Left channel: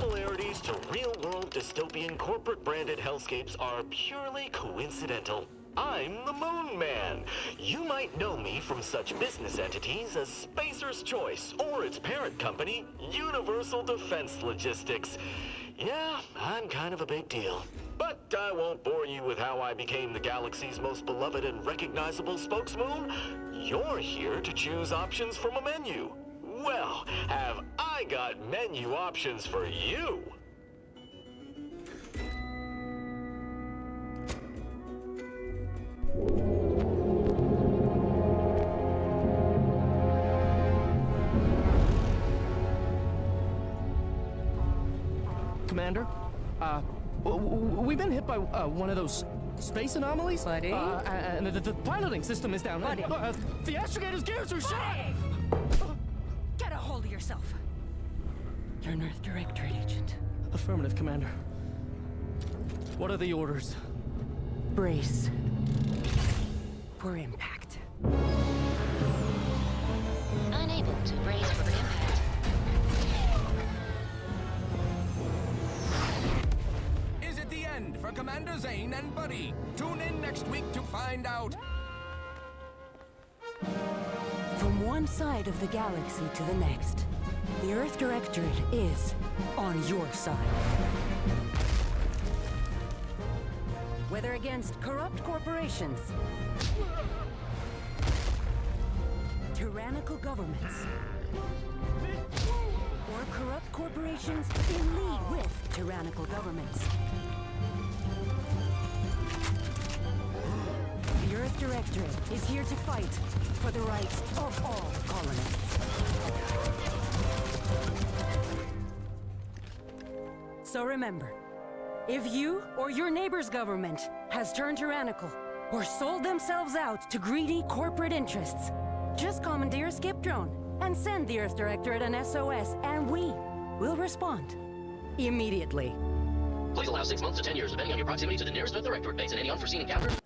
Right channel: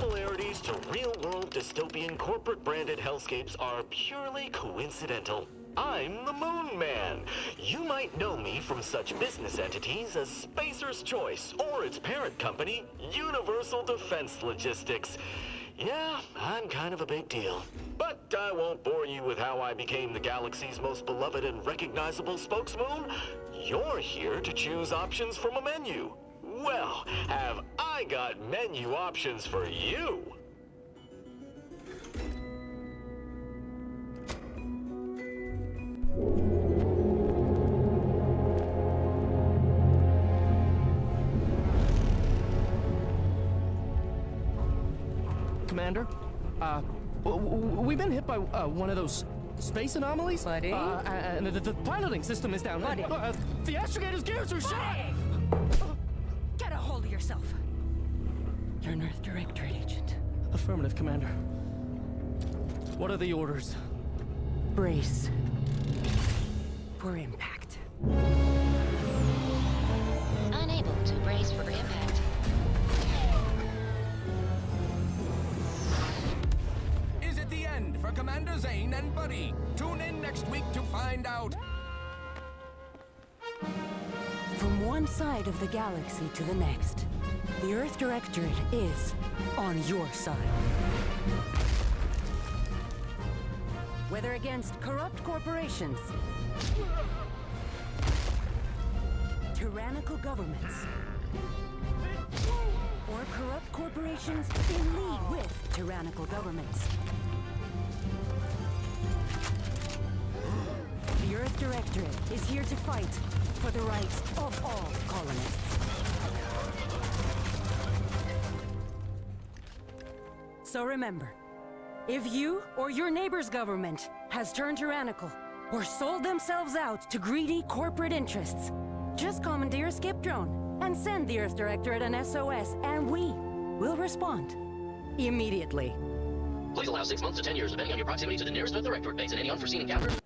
similarities to real-world dystopian corporate-branded hellscapes are purely coincidental. I'm the Moon Man. You might know me from such business entities as Spacer's Choice or its parent company, Universal Defense Logistics. Yeah, I'm kind of a big deal. But I won't bore you with how I became the galaxy's most beloved and recognizable spokesmoon. You're here to choose options from a menu. Well, have I got menu options for you? Commander, we've been hit by one of those space anomalies. Buddy? And the piloting system is down. Buddy? The astrogator's gears are shot! Get a hold of yourself. You're an Earth Directorate agent. Affirmative, Commander. What are the orders? Brace for impact. Unable to brace for impact. Is it the end for Commander Zane and Buddy? Tune in next week to find out. From one side of the galaxy to the next, the Earth Directorate is on your side. Whether against corrupt corporations, tyrannical governments, or corrupt corporations in league with tyrannical governments, the Earth Directorate is here to fight for the rights of all colonists. So remember, if you or your neighbor's government has turned tyrannical or sold themselves out to greedy corporate interests, just commandeer a skip drone and send the Earth Directorate an SOS, and we will respond immediately. Please allow 6 months to 10 years, depending on your proximity to the nearest Earth Directorate base and any unforeseen encounters.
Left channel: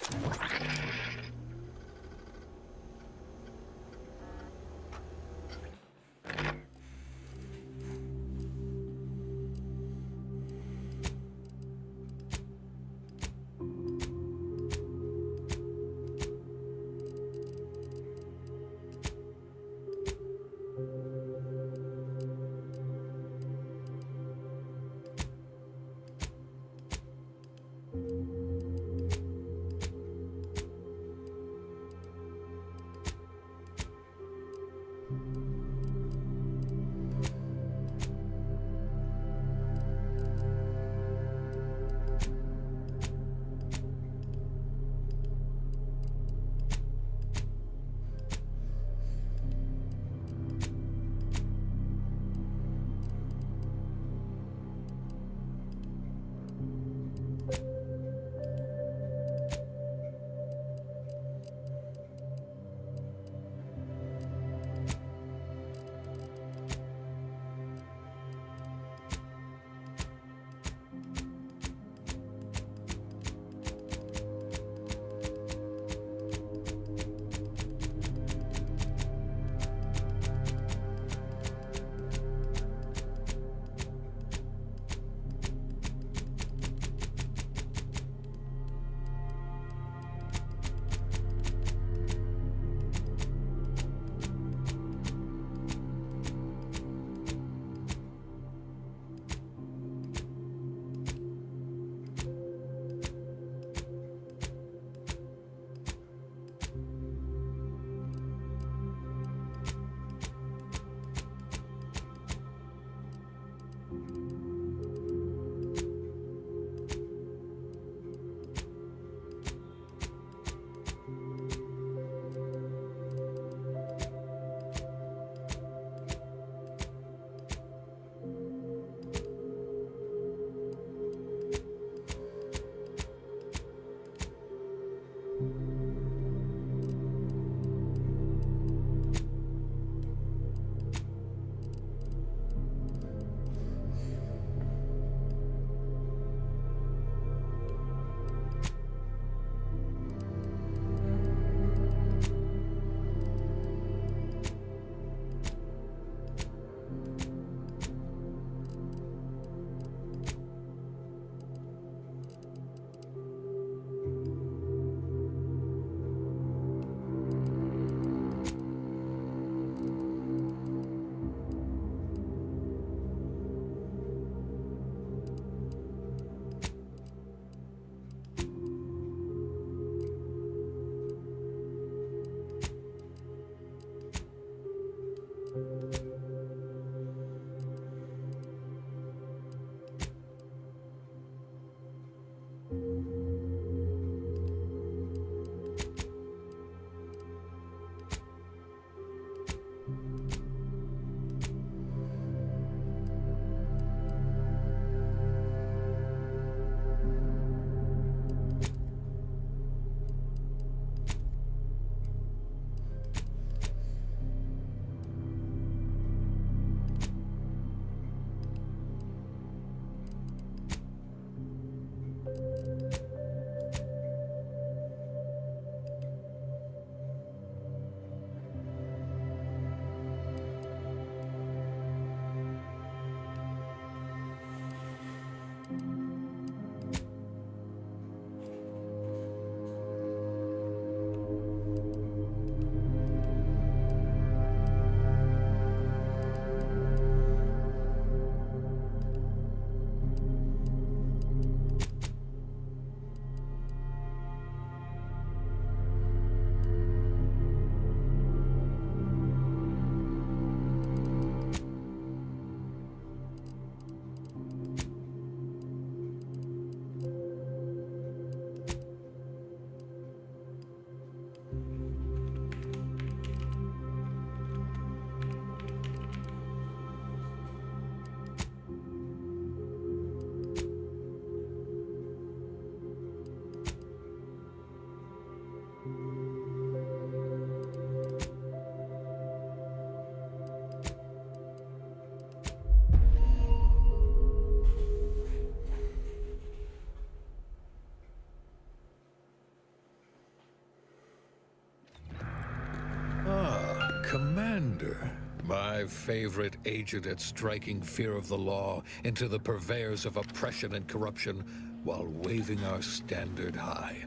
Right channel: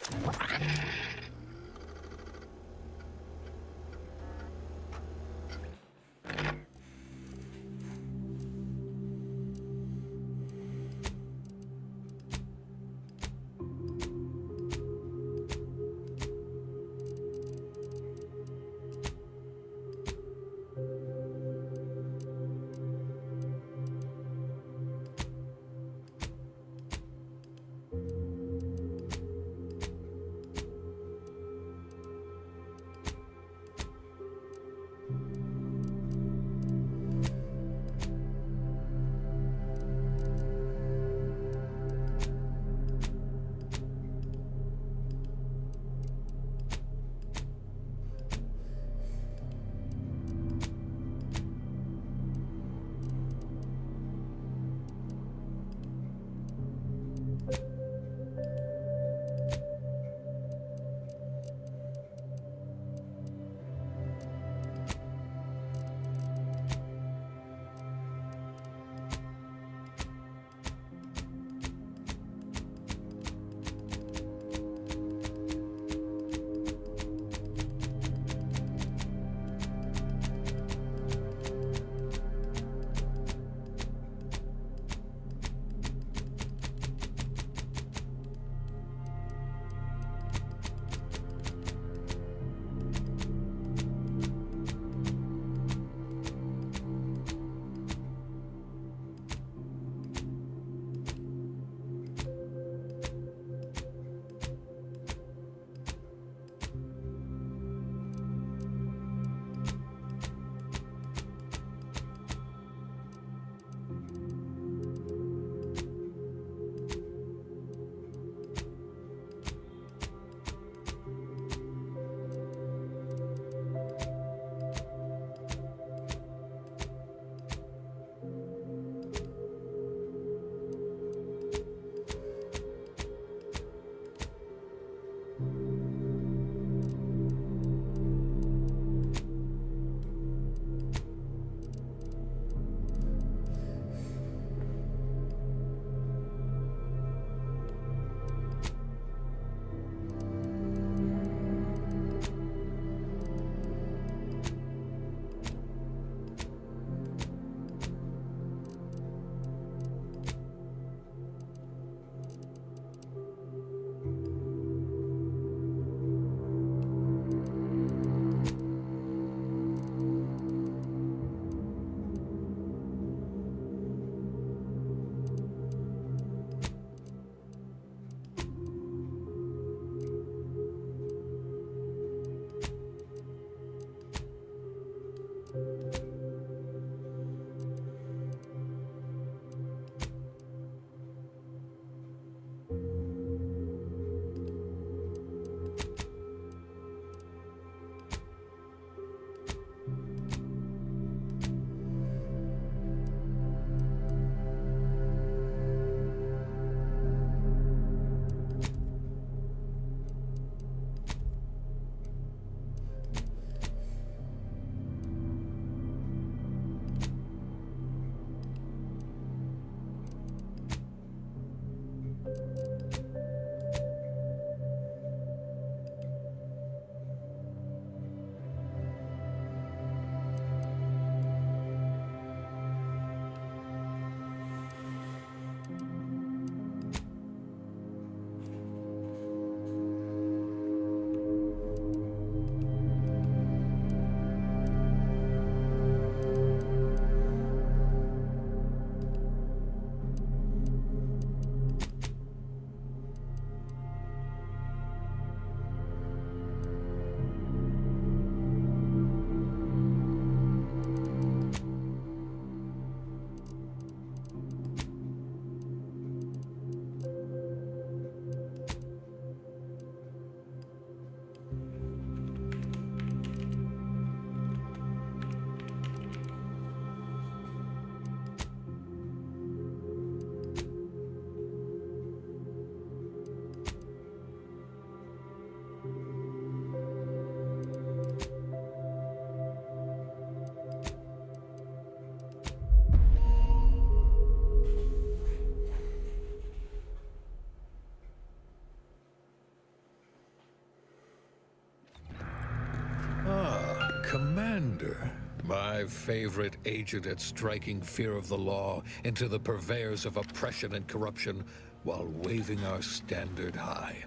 Commander, my favorite agent at striking fear of the law into the purveyors of oppression and corruption while waving our standard high.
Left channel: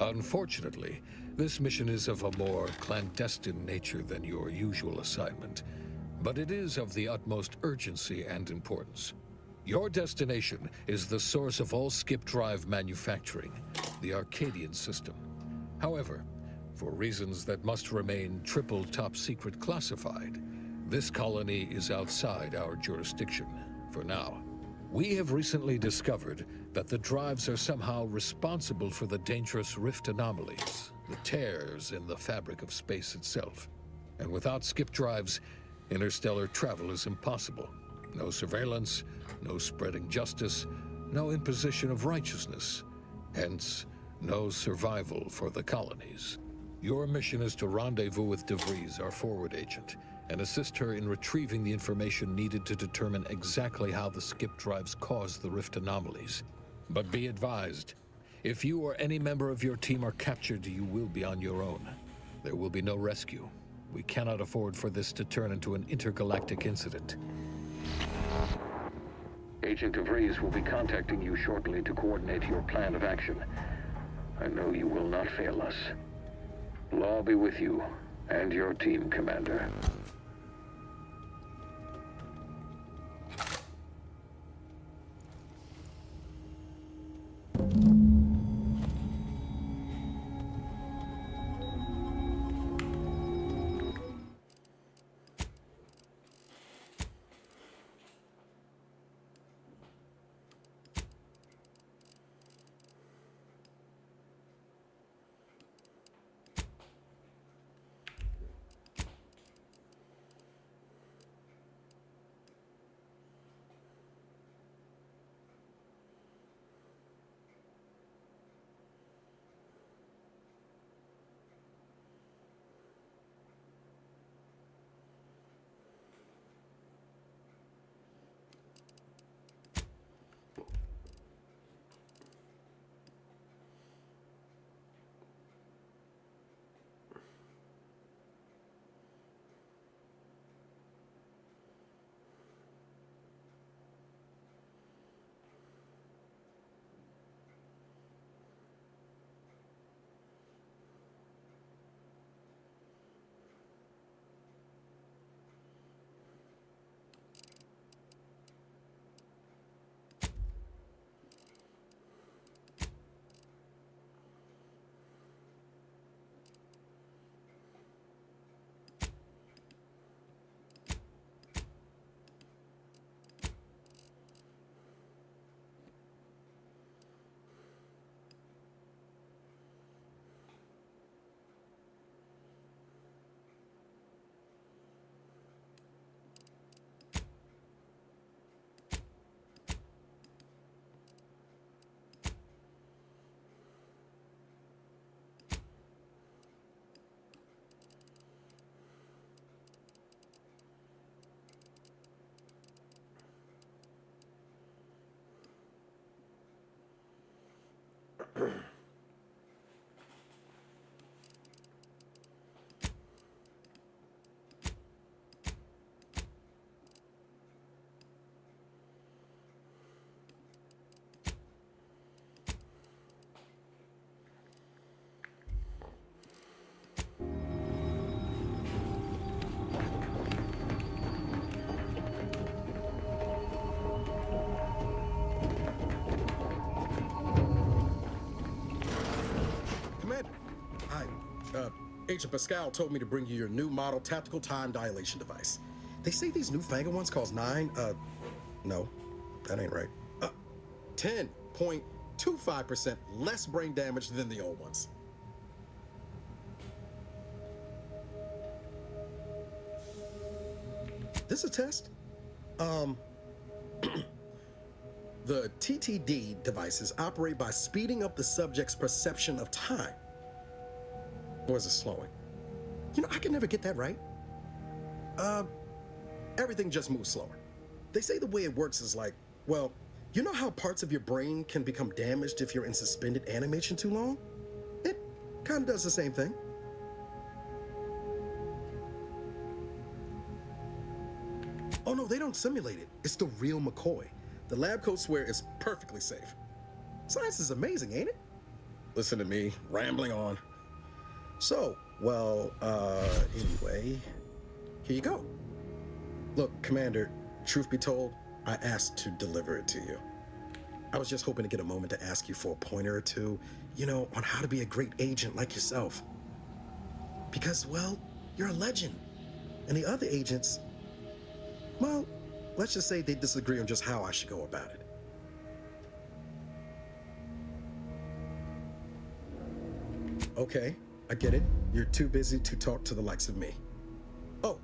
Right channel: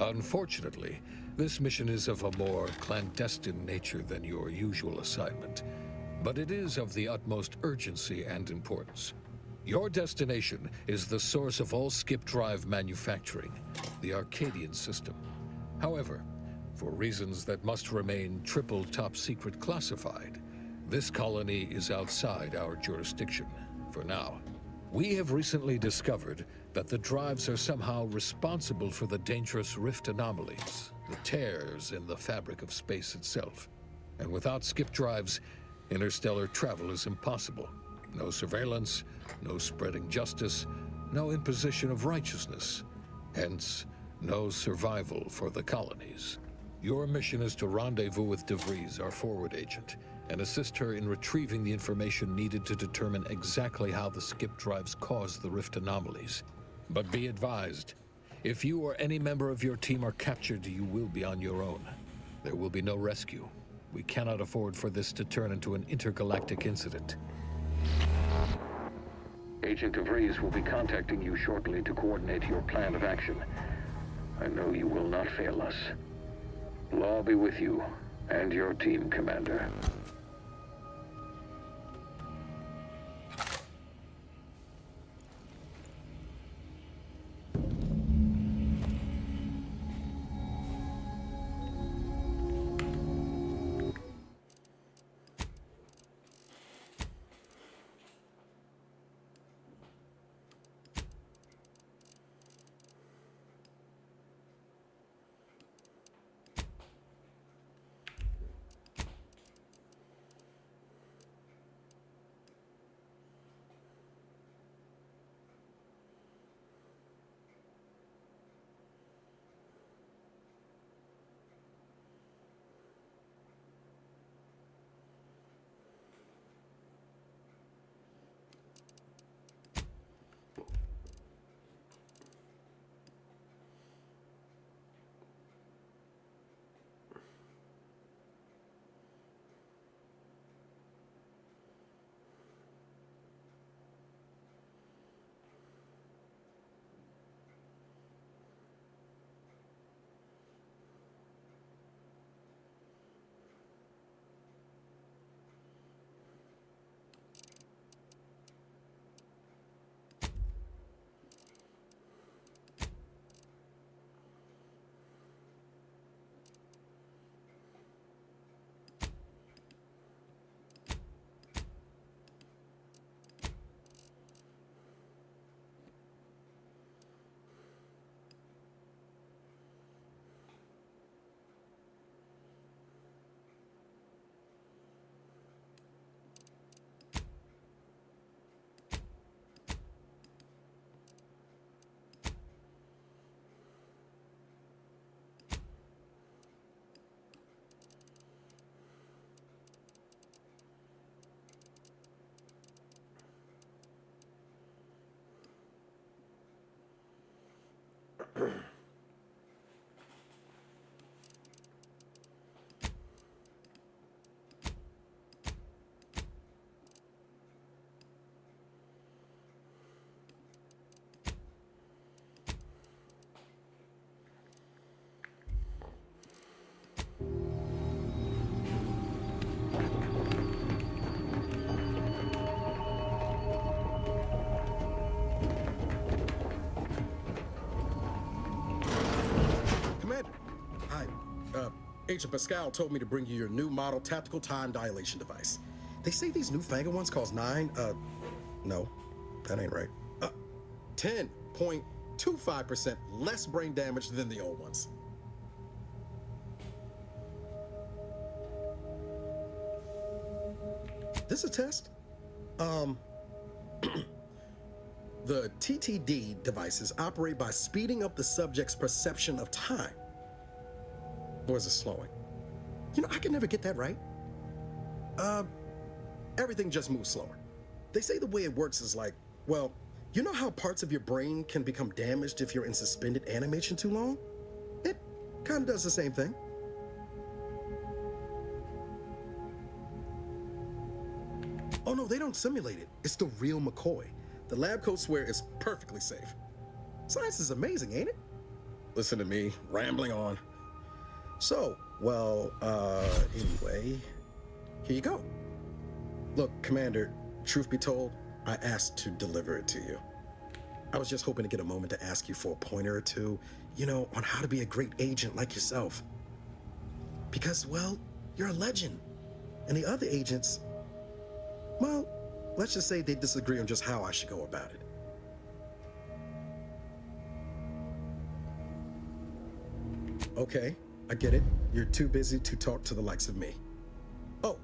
Unfortunately, this mission is of a more clandestine nature than your usual assignment, but it is of the utmost urgency and importance. Your destination is the source of all skip drive manufacturing, the Arcadian system. However, for reasons that must remain triple top secret classified, this colony is outside our jurisdiction for now. We have recently discovered that the drives are somehow responsible for the dangerous rift anomalies, the tears in the fabric of space itself. And without skip drives, interstellar travel is impossible. No surveillance, no spreading justice, no imposition of righteousness. Hence, no survival for the colonies. Your mission is to rendezvous with DeVries, our forward agent, and assist her in retrieving the information needed to determine exactly how the skip drives cause the rift anomalies. But be advised, if you or any member of your team are captured, you will be on your own. There will be no rescue. We cannot afford for this to turn into an intergalactic incident. Agent DeVries will be contacting you shortly to coordinate your plan of action. I know you will not fail us. Law be with you and your team, Commander. Agent Pascal told me to bring you your new model tactical time dilation device. They say these newfangled ones cost no, that ain't right. 10.25% less brain damage than the old ones. This a test? The TTD devices operate by speeding up the subject's perception of time. Or is it slowing? You know, I can never get that right. Everything just moves slower. They say the way it works is like, well, you know how parts of your brain can become damaged if you're in suspended animation too long? It kind of does the same thing. Oh no, they don't simulate it. It's the real McCoy. The lab coat swear is perfectly safe. Science is amazing, ain't it? Listen to me, rambling on. So, well, anyway, here you go. Look, Commander, truth be told, I asked to deliver it to you. I was just hoping to get a moment to ask you for a pointer or two, you know, on how to be a great agent like yourself. Because, well, you're a legend. And the other agents, well, let's just say they disagree on just how I should go about it. Okay, I get it. You're too busy to talk to the likes of me. Oh,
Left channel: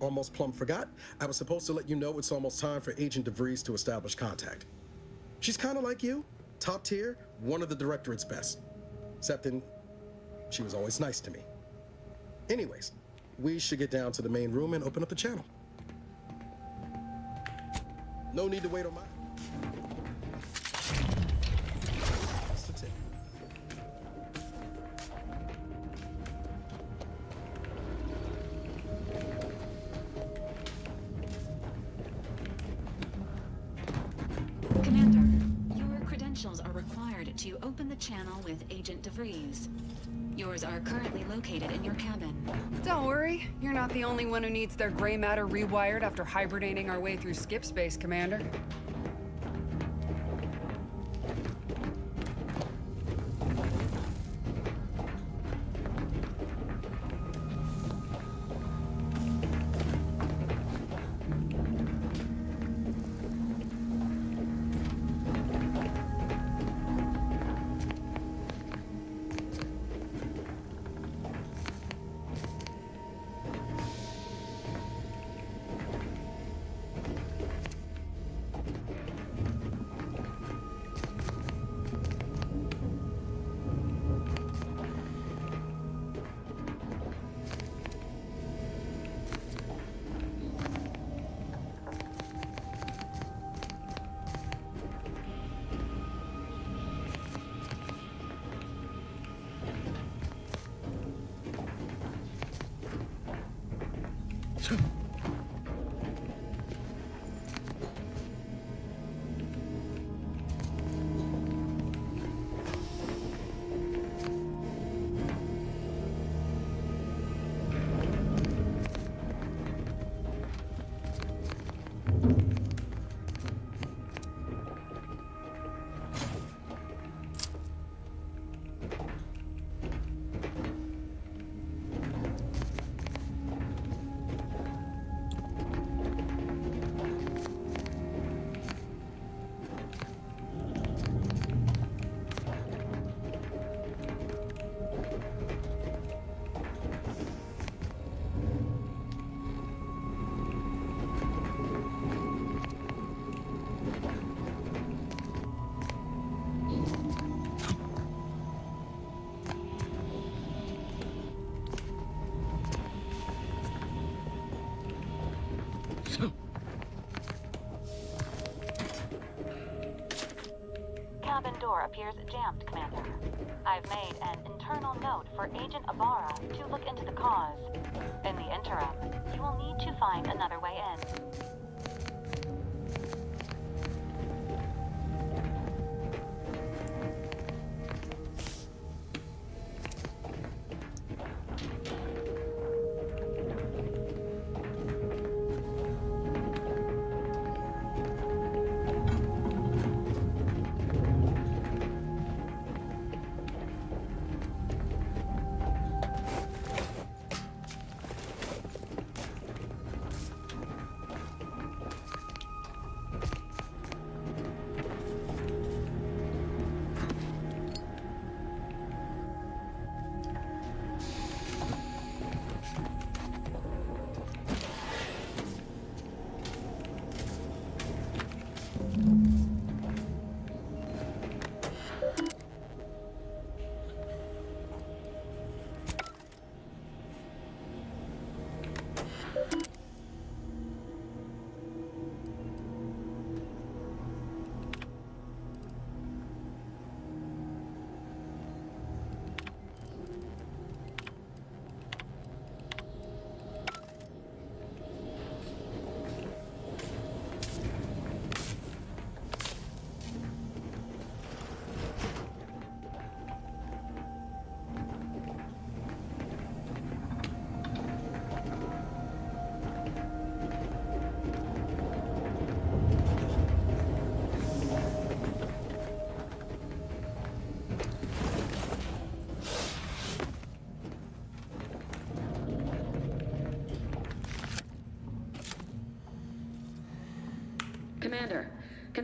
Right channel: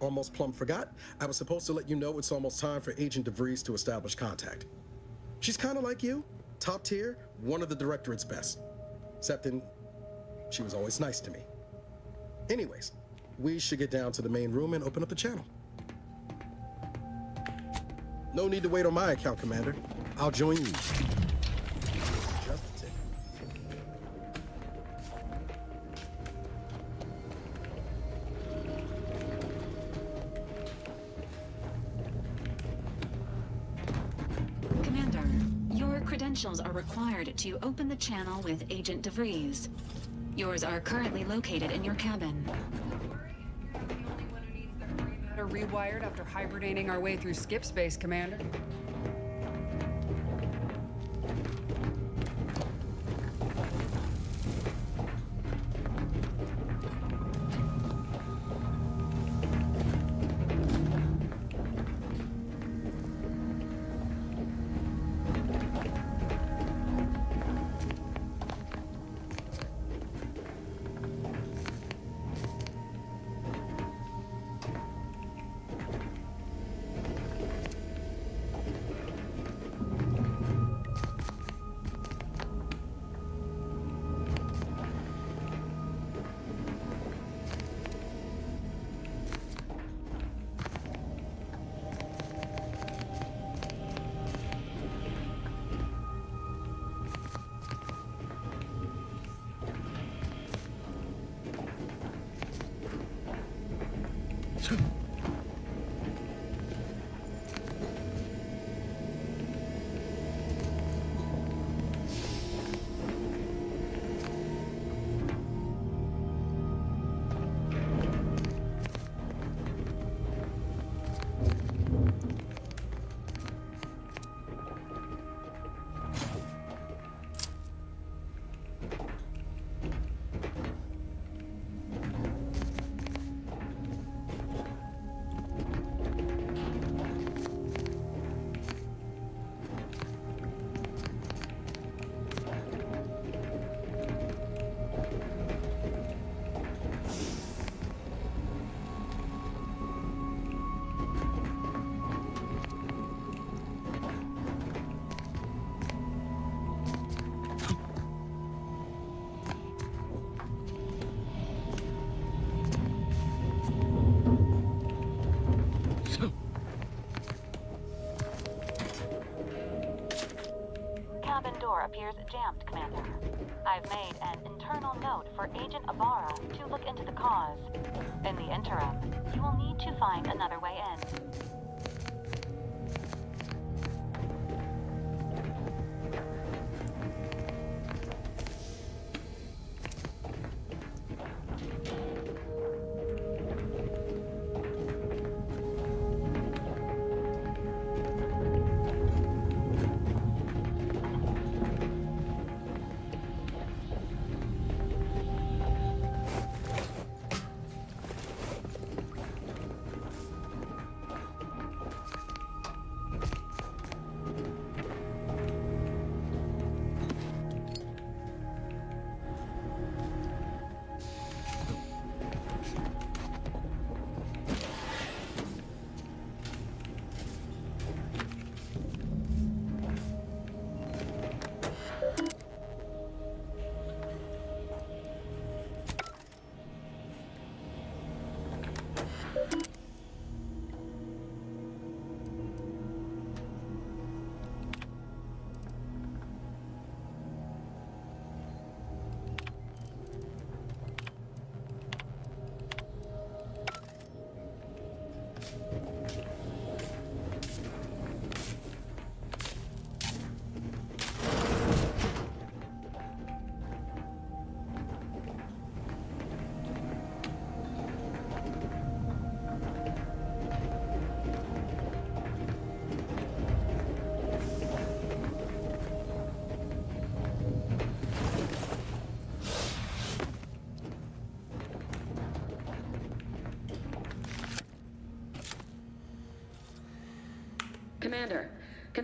almost plumb forgot. I was supposed to let you know it's almost time for Agent DeVries to establish contact. She's kind of like you, top tier, one of the directorate's best. Except she was always nice to me. Anyways, we should get down to the main room and open up the channel. No need to wait on my account, Commander. I'll join you. Just a tick. Commander, your credentials are required to open the channel with Agent DeVries. Yours are currently located in your cabin. Don't worry, you're not the only one who needs their gray matter rewired after hibernating our way through skip space, Commander. Cabin door appears jammed, Commander. I've made an internal note for Agent Ibarra to look into the cause. In the interim, you will need to find another way in.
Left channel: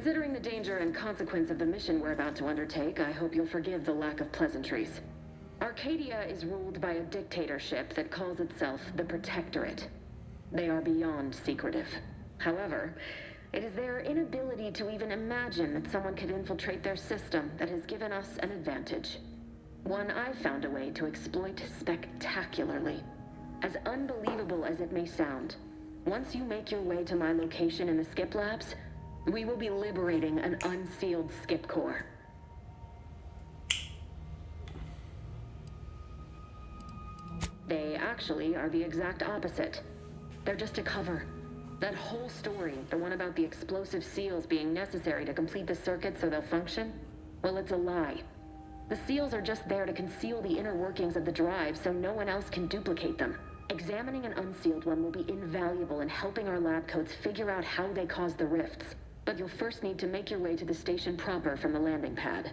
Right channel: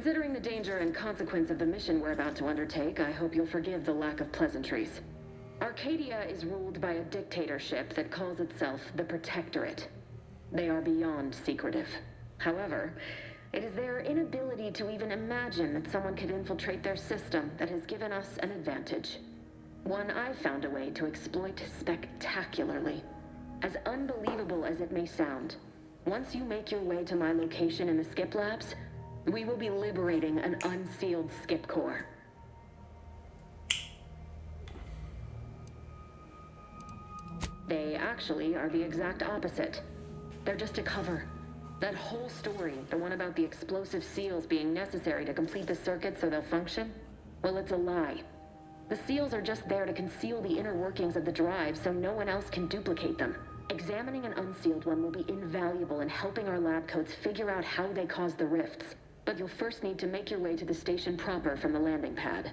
Considering the danger and consequence of the mission we're about to undertake, I hope you'll forgive the lack of pleasantries. Arcadia is ruled by a dictatorship that calls itself the Protectorate. They are beyond secretive. However, it is their inability to even imagine that someone could infiltrate their system that has given us an advantage. One I've found a way to exploit spectacularly. As unbelievable as it may sound, once you make your way to my location in the Skip Labs, we will be liberating an unsealed Skip Core. They actually are the exact opposite. They're just a cover. That whole story, the one about the explosive seals being necessary to complete the circuit so they'll function, well, it's a lie. The seals are just there to conceal the inner workings of the drive so no one else can duplicate them. Examining an unsealed one will be invaluable in helping our lab coats figure out how they cause the rifts. But you'll first need to make your way to the station proper from the landing pad.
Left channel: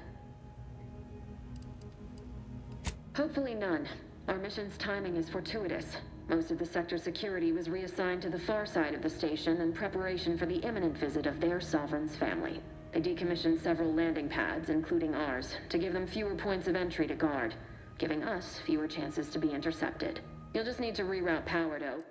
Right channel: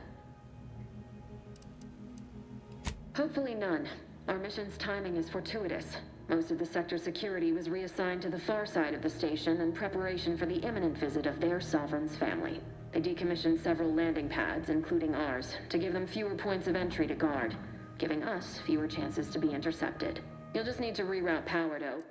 Hopefully none. Our mission's timing is fortuitous. Most of the sector security was reassigned to the far side of the station in preparation for the imminent visit of their sovereign's family. They decommissioned several landing pads, including ours, to give them fewer points of entry to guard, giving us fewer chances to be intercepted. You'll just need to reroute power to...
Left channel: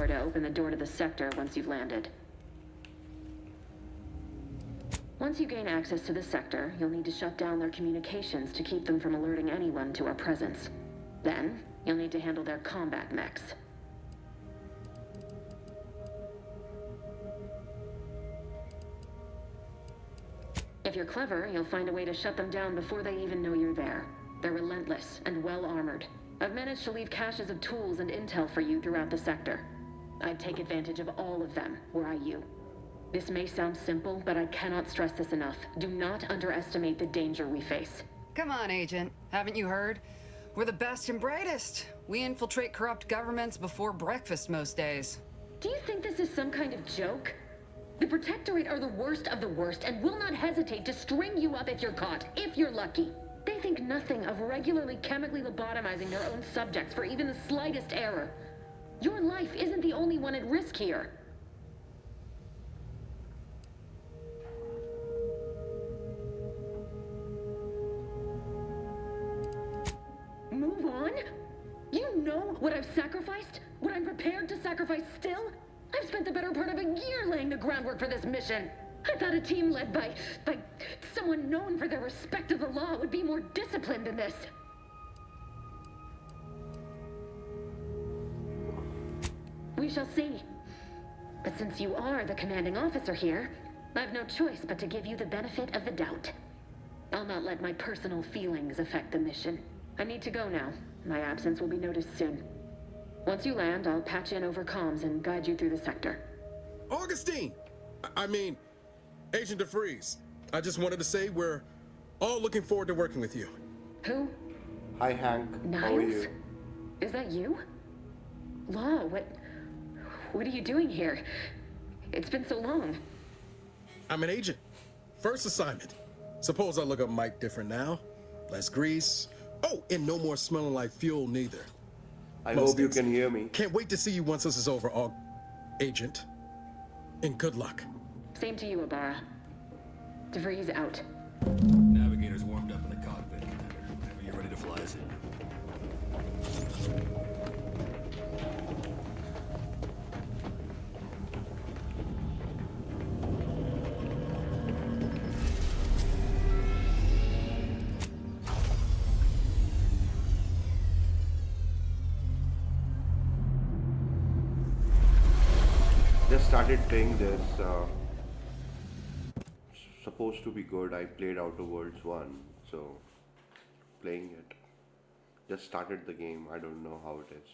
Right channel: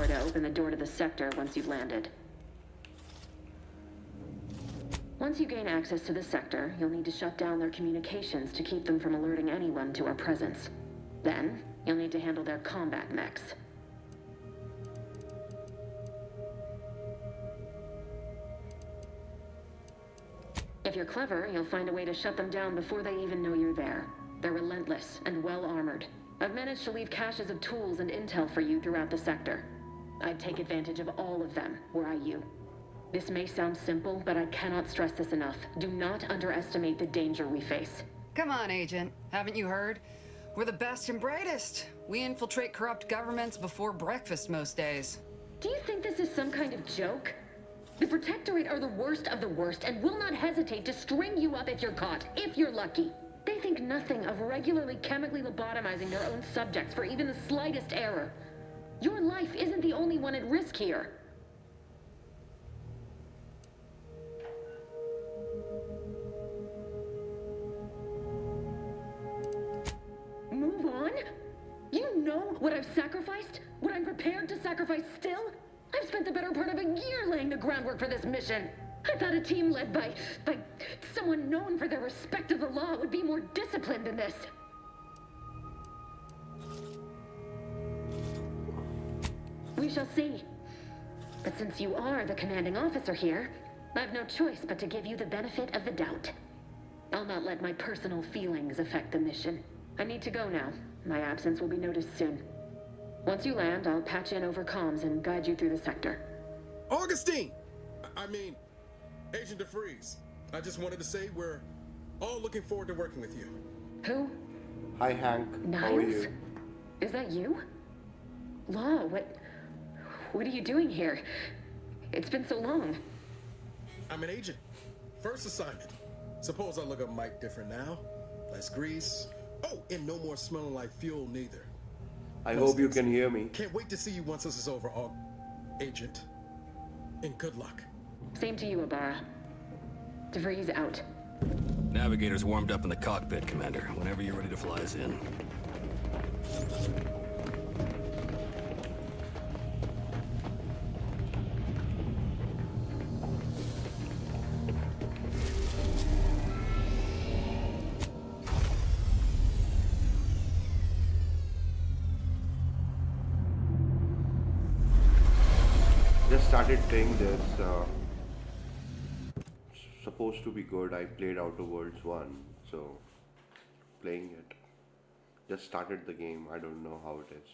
or to open the door to the sector once you've landed. Once you gain access to the sector, you'll need to shut down their communications to keep them from alerting anyone to our presence. Then, you'll need to handle their combat mechs. If you're clever, you'll find a way to shut them down before they even know you're there. They're relentless and well-armored. I've managed to leave caches of tools and intel for you throughout the sector. I'd take advantage of all of them, were I you. This may sound simple, but I cannot stress this enough. Do not underestimate the danger we face. Come on, Agent. Haven't you heard? We're the best and brightest. We infiltrate corrupt governments before breakfast most days. Do you think this is some kind of joke? The Protectorate are the worst of the worst and will not hesitate to string you up if you're caught, if you're lucky. They think nothing of regularly chemically lobotomizing their own subjects for even the slightest error. Your life isn't the only one at risk here. Move on? You know what I've sacrificed? What I'm prepared to sacrifice still? I've spent the better part of a year laying the groundwork for this mission. I thought a team led by someone known for their respect of the law would be more disciplined than this. We shall see. But since you are the commanding officer here, I've no choice but to give you the benefit of the doubt. I'll not let my personal feelings affect the mission. I need to go now. My absence will be noticed soon. Once you land, I'll patch in over comms and guide you through the sector. Augustine! I mean, Agent DeFreeze. I just wanted to say we're all looking forward to working with you. Who? Hi, Hank. Niles? How are you? Is that you? Law, what are you doing here? It's been so long. I'm an agent. First assignment. Suppose I look up Mike different now. Less grease. Oh, and no more smelling like fuel neither. I hope you can hear me. Can't wait to see you once this is over, Agent. And good luck. Same to you, Ibarra. DeVries out. Navigator's warmed up in the cockpit, Commander. Whenever you're ready to fly us in. Just started playing this. Supposed to be good. I played Outer Worlds 1, so playing it. Just started the game. I don't know how it is.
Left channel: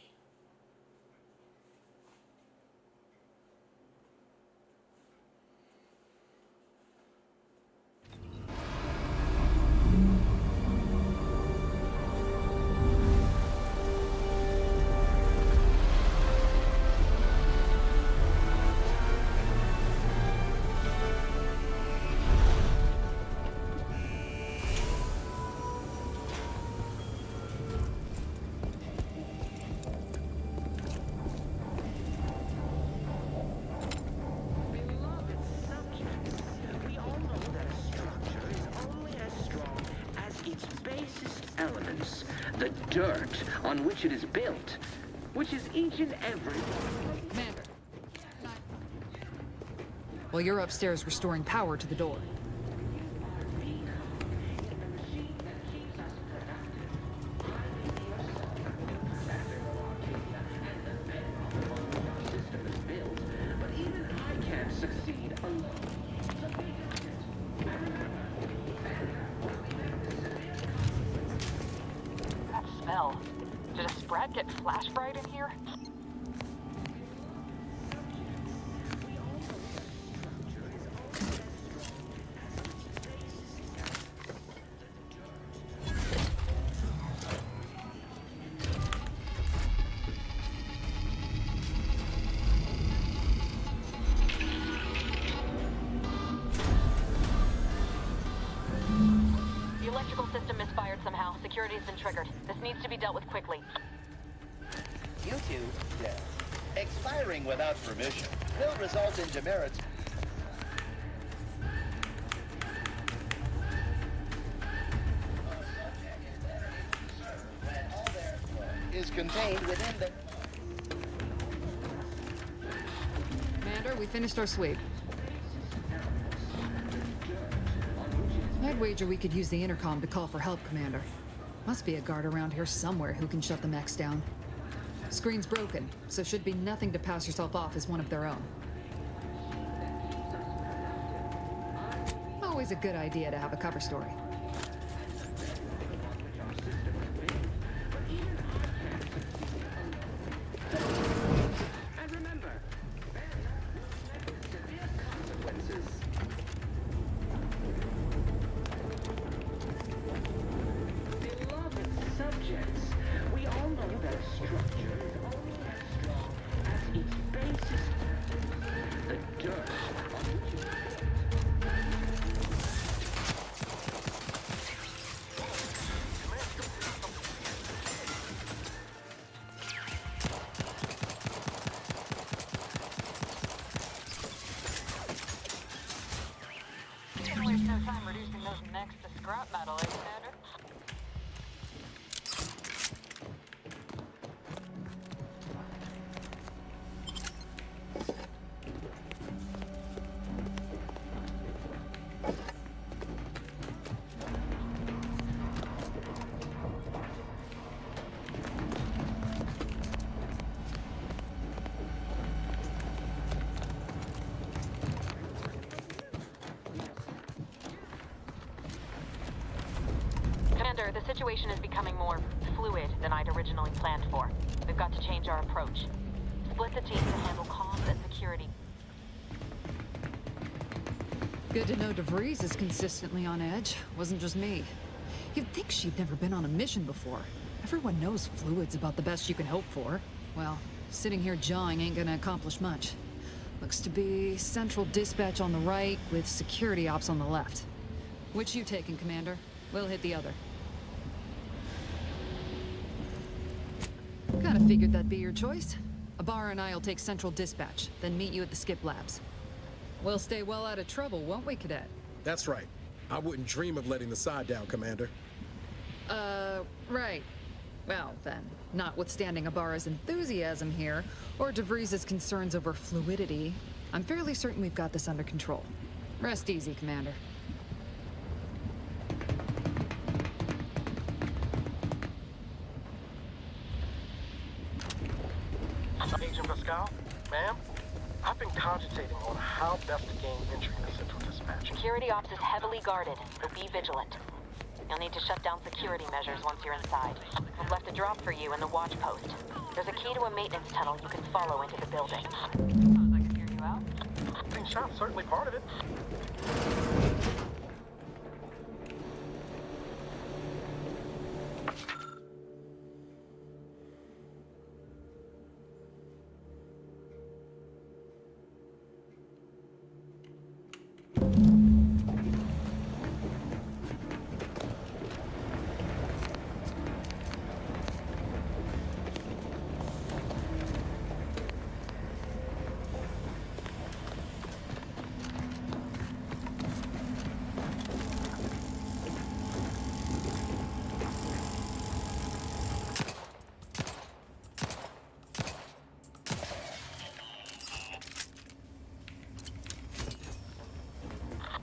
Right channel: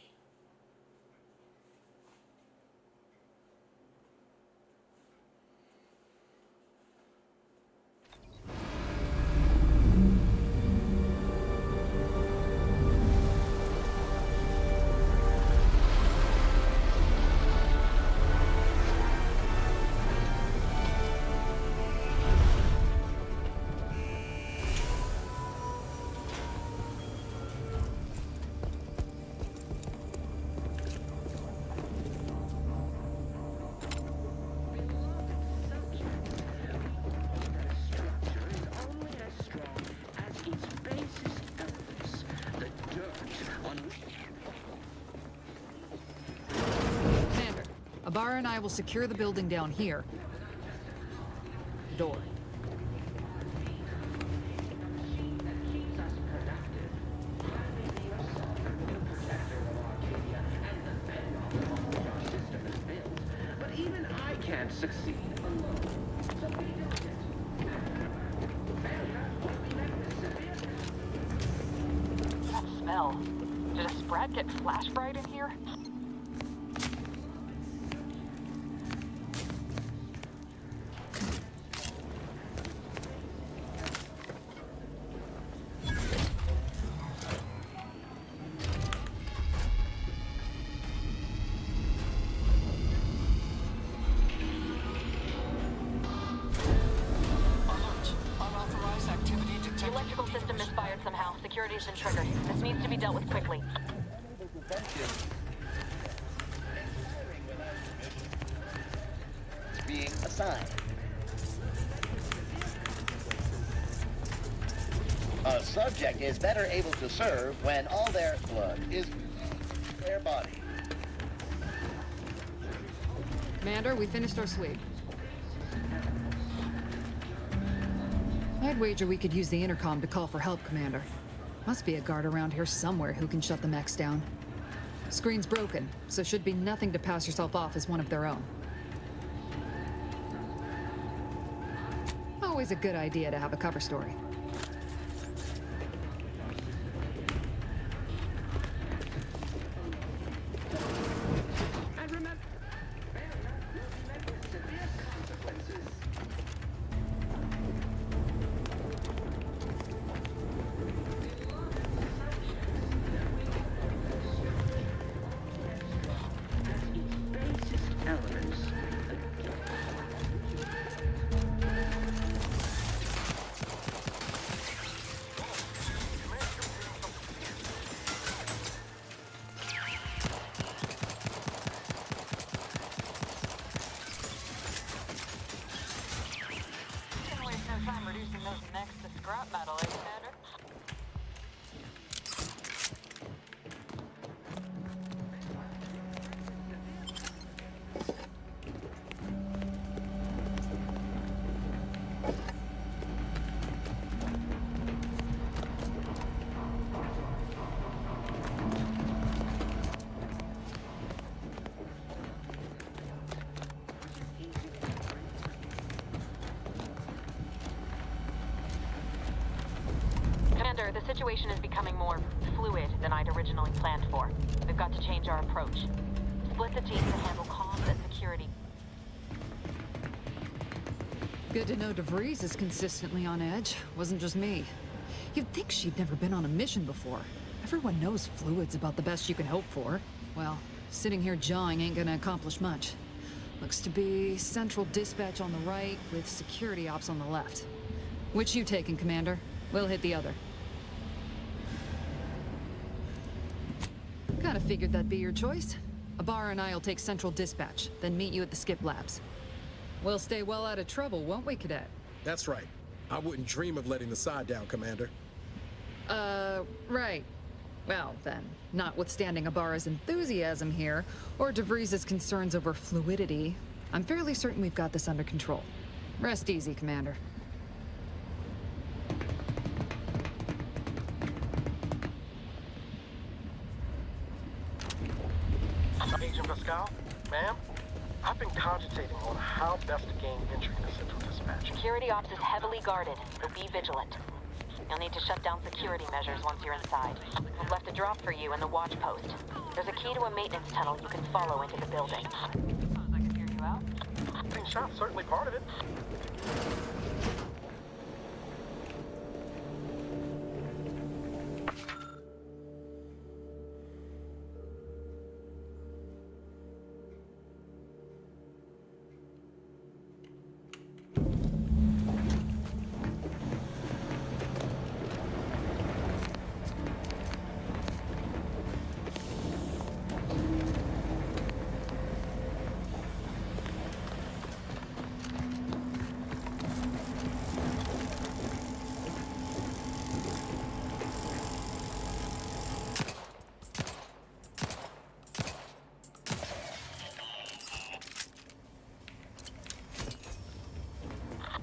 Dirt on which it is built, which is each and every... Commander, Ibarra and I will secure the building down here, while you're upstairs restoring power to the door. But even I can't succeed alone. So be diligent. Smell. Did a Sprat get flash fried in here? The electrical system misfired somehow. Security's been triggered. This needs to be dealt with quickly. Expiring without permission will result in demerits being assigned. A subject is better able to serve when all their blood is contained within their body. Commander, we finished our sweep. I'd wager we could use the intercom to call for help, Commander. Must be a guard around here somewhere who can shut the mechs down. Screen's broken, so should be nothing to pass yourself off as one of their own. Always a good idea to have a cover story. And remember, severe consequences. Waste no time reducing those mechs to scrap metal, eh, Commander? The situation is becoming more fluid than I'd originally planned for. We've got to change our approach. Split the team to handle comms and security. Good to know DeVries is consistently on edge. Wasn't just me. You'd think she'd never been on a mission before. Everyone knows fluid's about the best you can hope for. Well, sitting here jawing ain't gonna accomplish much. Looks to be central dispatch on the right with security ops on the left. Which you taking, Commander? We'll hit the other. Kinda figured that'd be your choice. Ibarra and I'll take central dispatch, then meet you at the skip labs. We'll stay well out of trouble, won't we, Cadet? That's right. I wouldn't dream of letting the side down, Commander. Right. Well, then, notwithstanding Ibarra's enthusiasm here, or DeVries' concerns over fluidity, I'm fairly certain we've got this under control. Rest easy, Commander. Agent Pascal, ma'am, I've been cogitating on how best to gain entry into Central Dispatch. Security ops is heavily guarded, so be vigilant. You'll need to shut down security measures once you're inside. We've left a drop for you in the watch post. There's a key to a maintenance tunnel you can follow into the building. Suppose I could hear you out? Being shot's certainly part of it.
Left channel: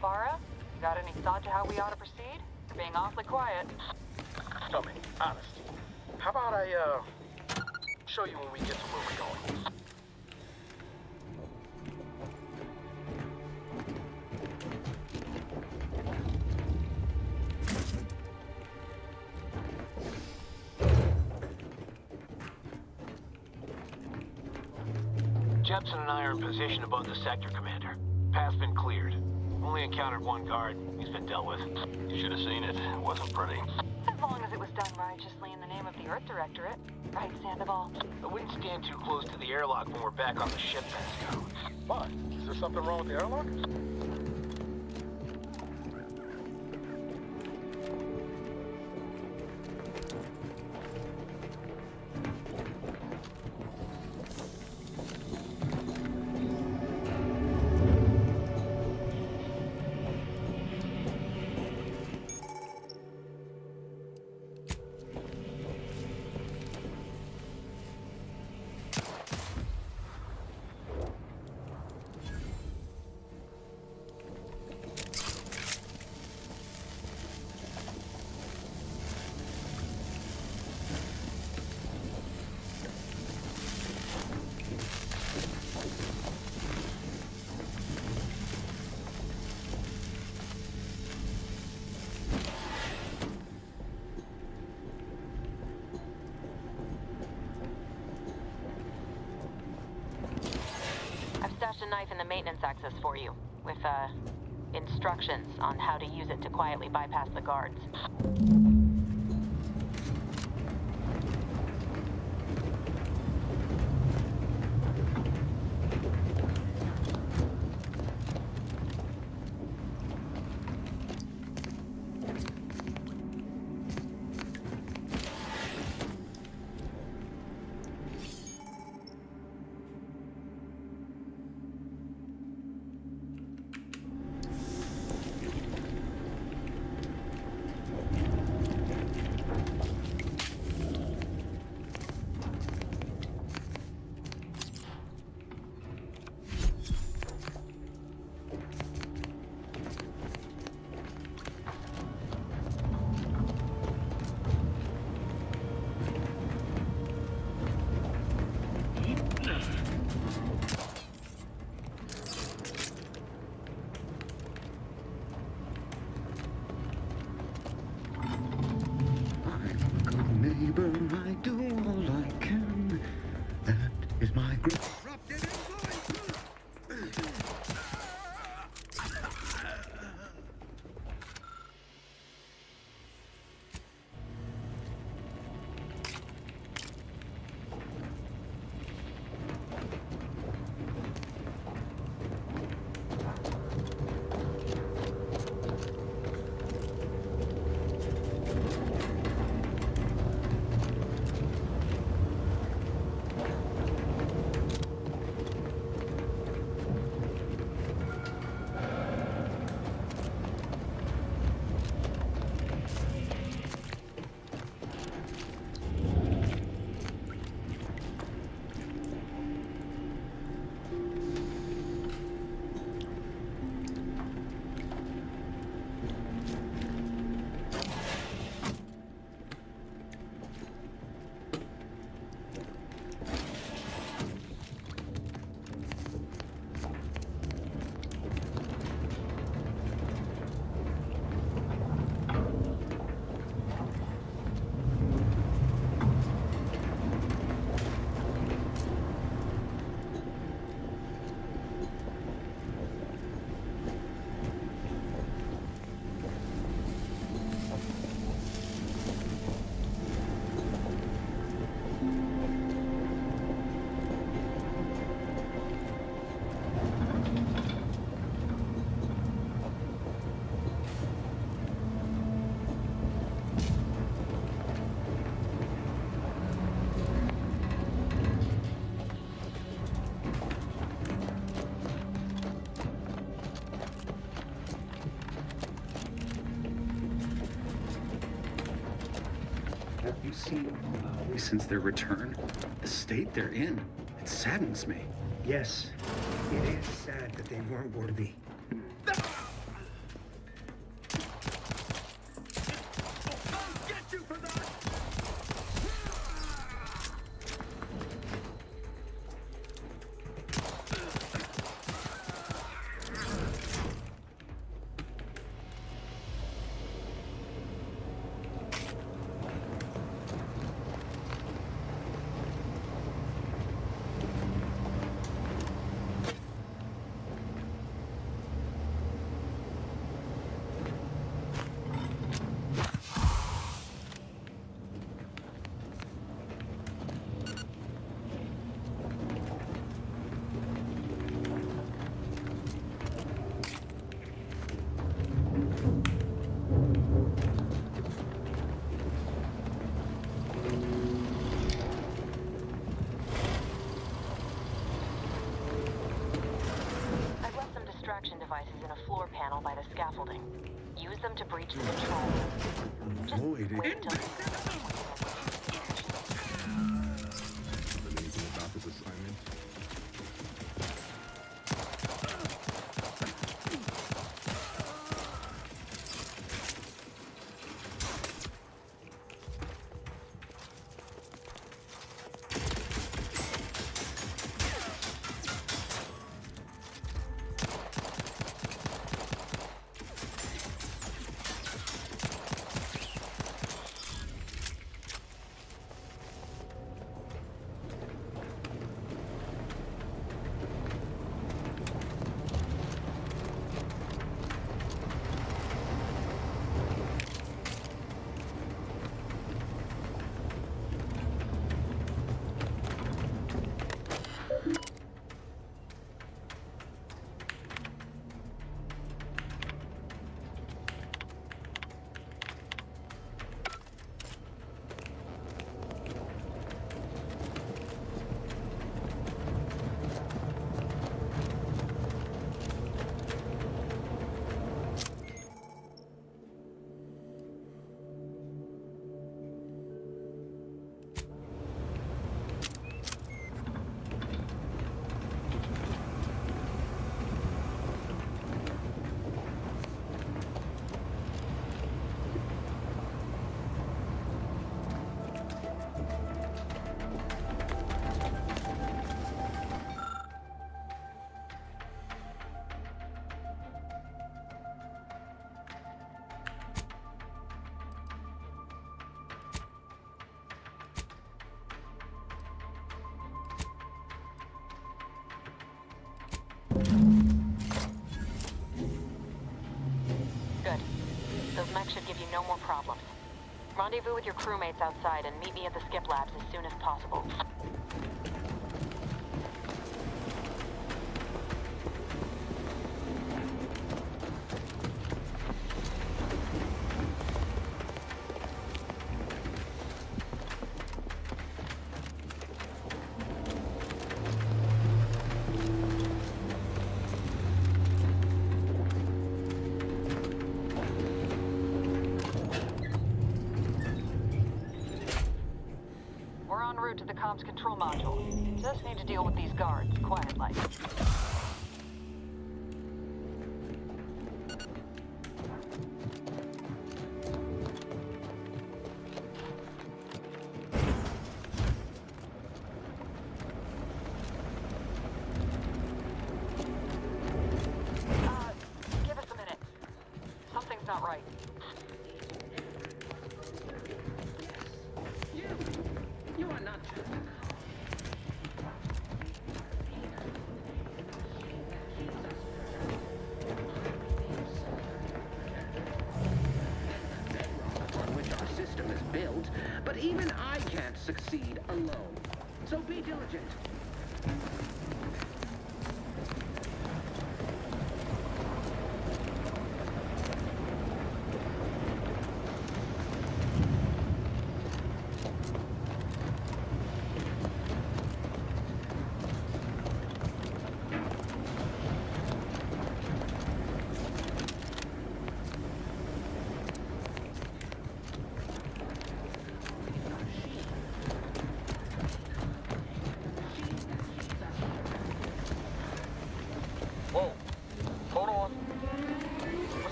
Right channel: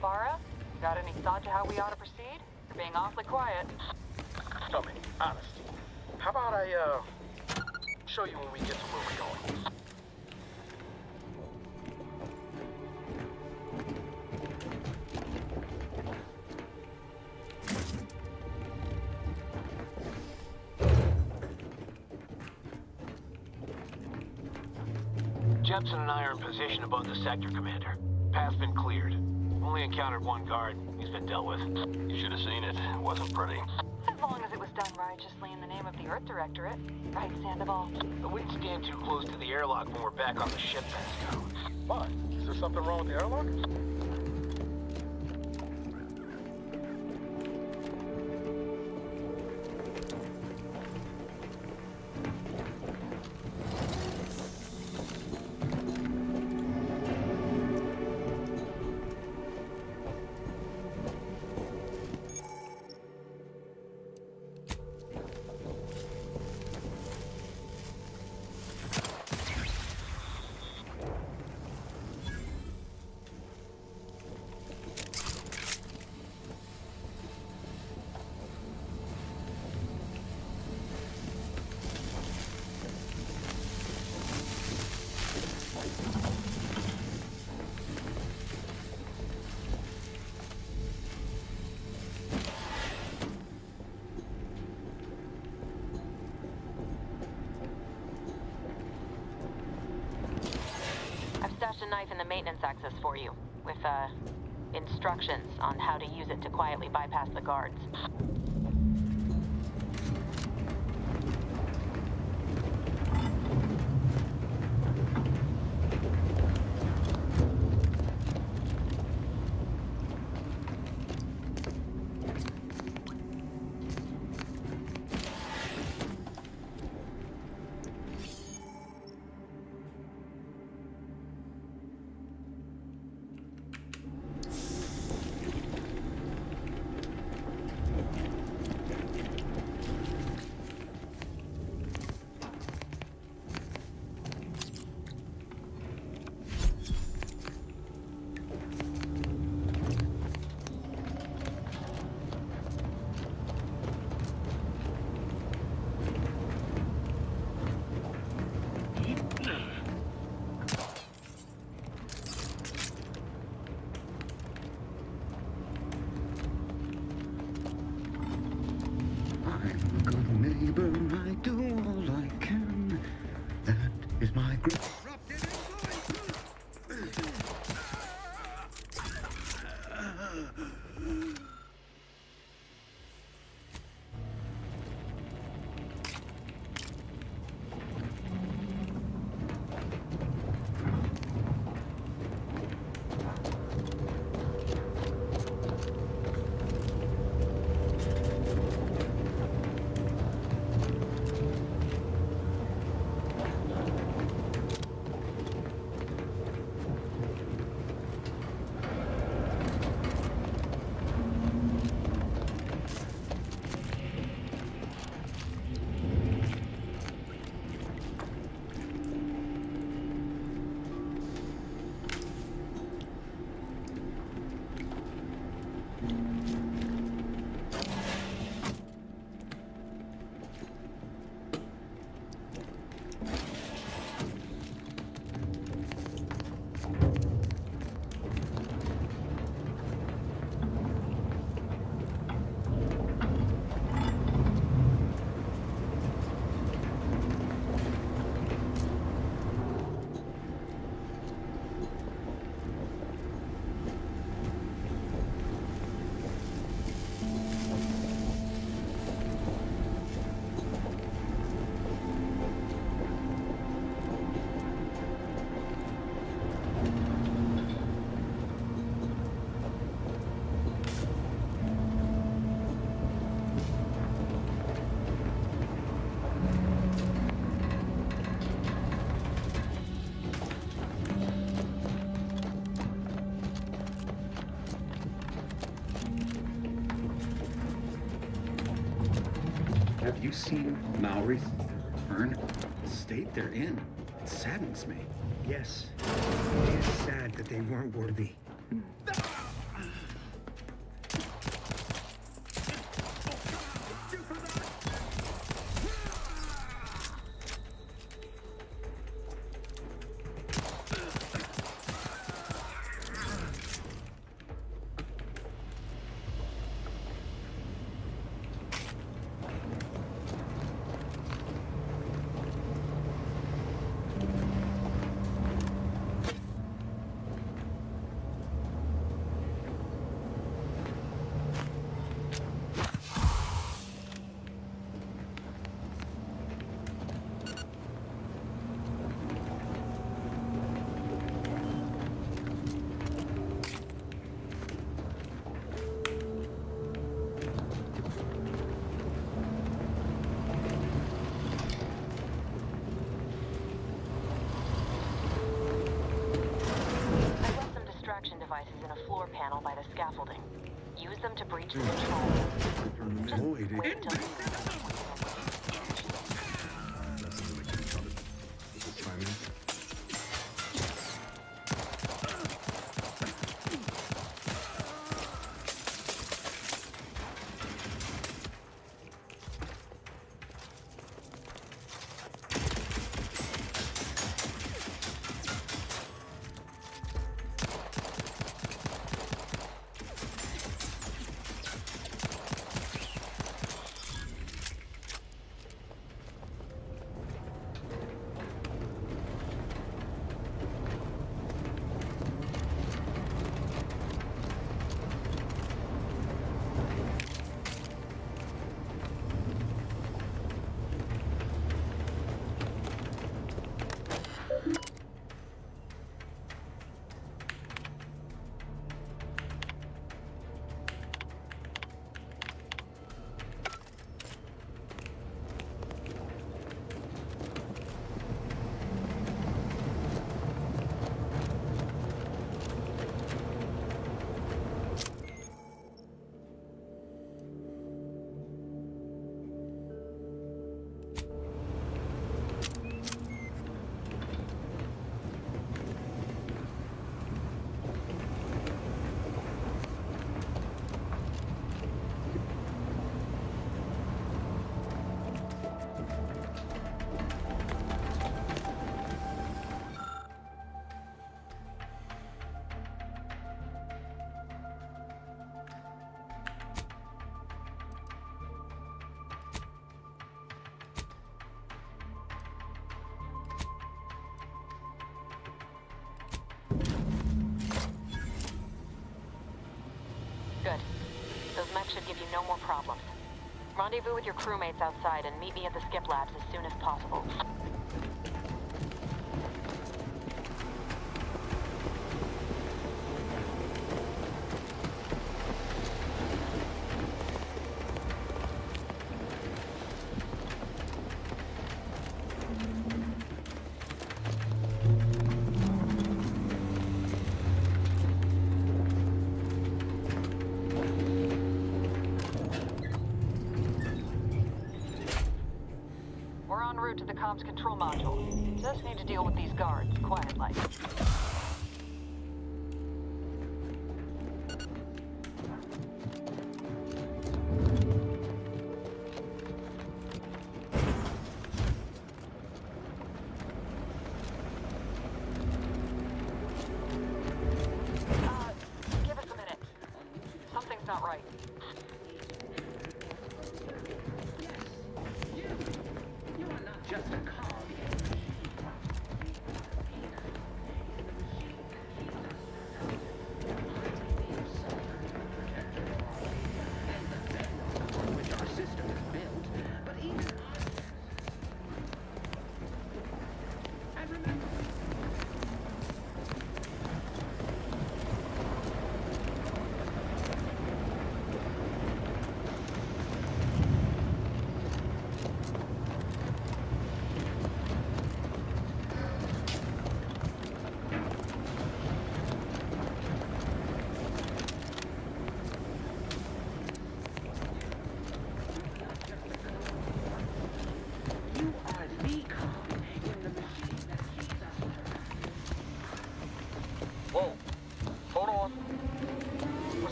Bara, you got any thought to how we ought to proceed? You're being awfully quiet. Tell me, honest. How about I, show you when we get to where we're going? Jepson and I are in position above the sector, Commander. Path's been cleared. Only encountered one guard. He's been dealt with. You should have seen it. It wasn't pretty. As long as it was done righteously in the name of the Earth Directorate. Right, Sandoval? I wouldn't stand too close to the airlock when we're back on the ship, Pascal. Why? Is there something wrong with the airlock? Stashed a knife in the maintenance access for you, with, instructions on how to use it to quietly bypass the guards. neighbor, I do all I can. That is my great... Have you seen Maori since their return? The state they're in, it saddens me. Yes, it is sad that they weren't worthy. Devices in a floor panel by the scaffolding. Use them to breach the control. Just wait until Good. Those mechs should give you no more problems. Rendezvous with your crewmates outside and meet me at the skip labs as soon as possible. To the comms control module. Just need to deal with these guards, quiet-like. Give us a minute. Something's not right. You are not just a cog.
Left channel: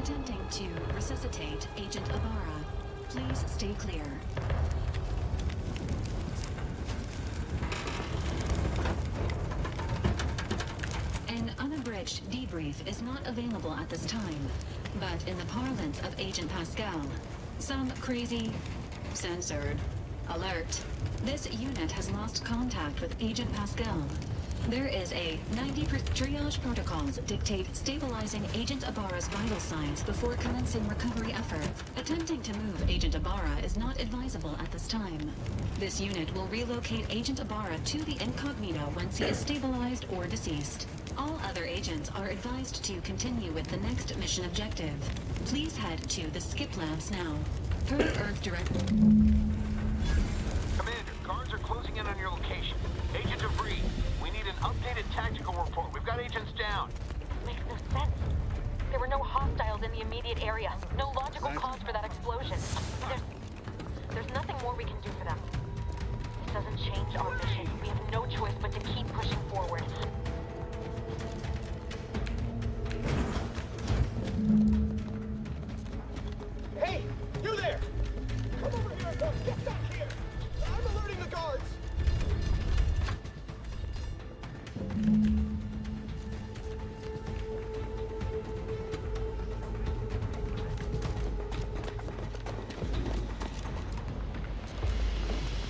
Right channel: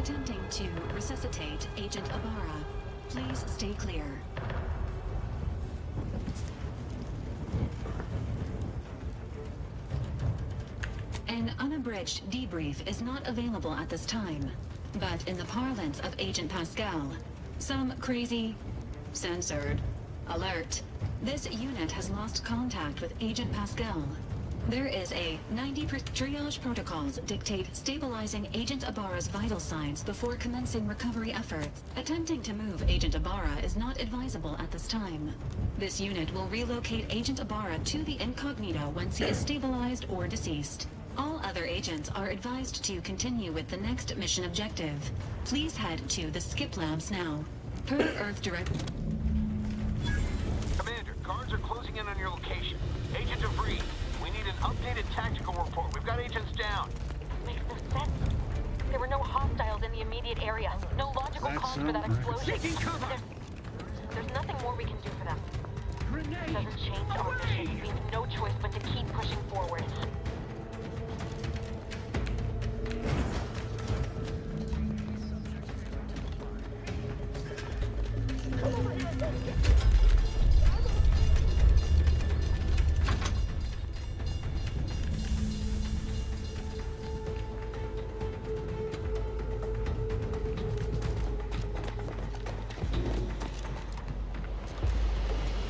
Attempting to resuscitate Agent Ibarra. Please stay clear. An unabridged debrief is not available at this time, but in the parlance of Agent Pascal, some crazy, censored, alert. This unit has lost contact with Agent Pascal. There is a 90% triage protocols dictate stabilizing Agent Ibarra's vital signs before commencing recovery efforts. Attempting to move Agent Ibarra is not advisable at this time. This unit will relocate Agent Ibarra to the incognito once he is stabilized or deceased. All other agents are advised to continue with the next mission objective. Please head to the skip labs now. Per Earth Direct. Commander, guards are closing in on your location. Agent DeVries, we need an updated tactical report. We've got agents down. Makes no sense. There were no hostiles in the immediate area. No logical cause for that explosion. There's nothing more we can do for them. It doesn't change our mission. We have no choice but to keep pushing forward. Hey, you there! Come over here and help get some shit! I'm alerting the guards!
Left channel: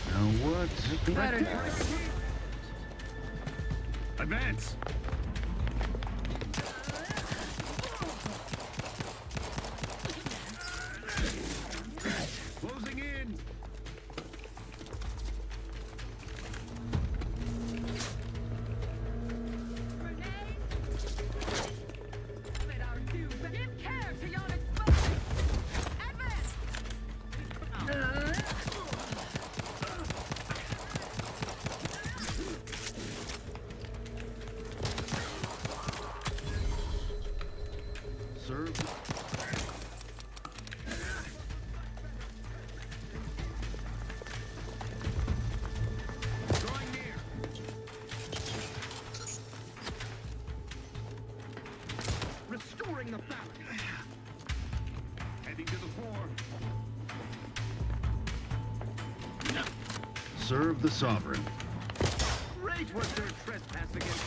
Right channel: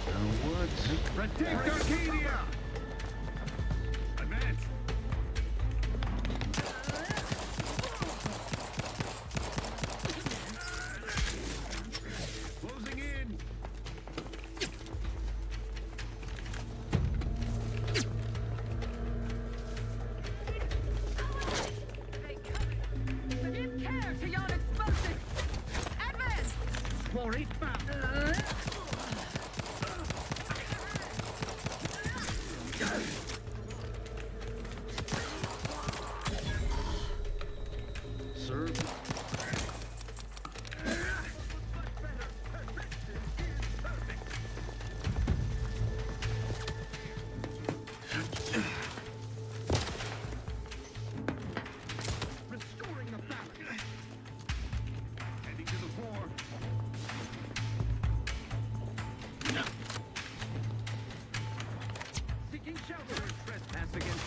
Now what? Advance! Closing in! Give care to yon explosive! Advance! Quarry found! Serve. Restoring the balance! Heading to the floor. Serve the sovereign. Razer trespass against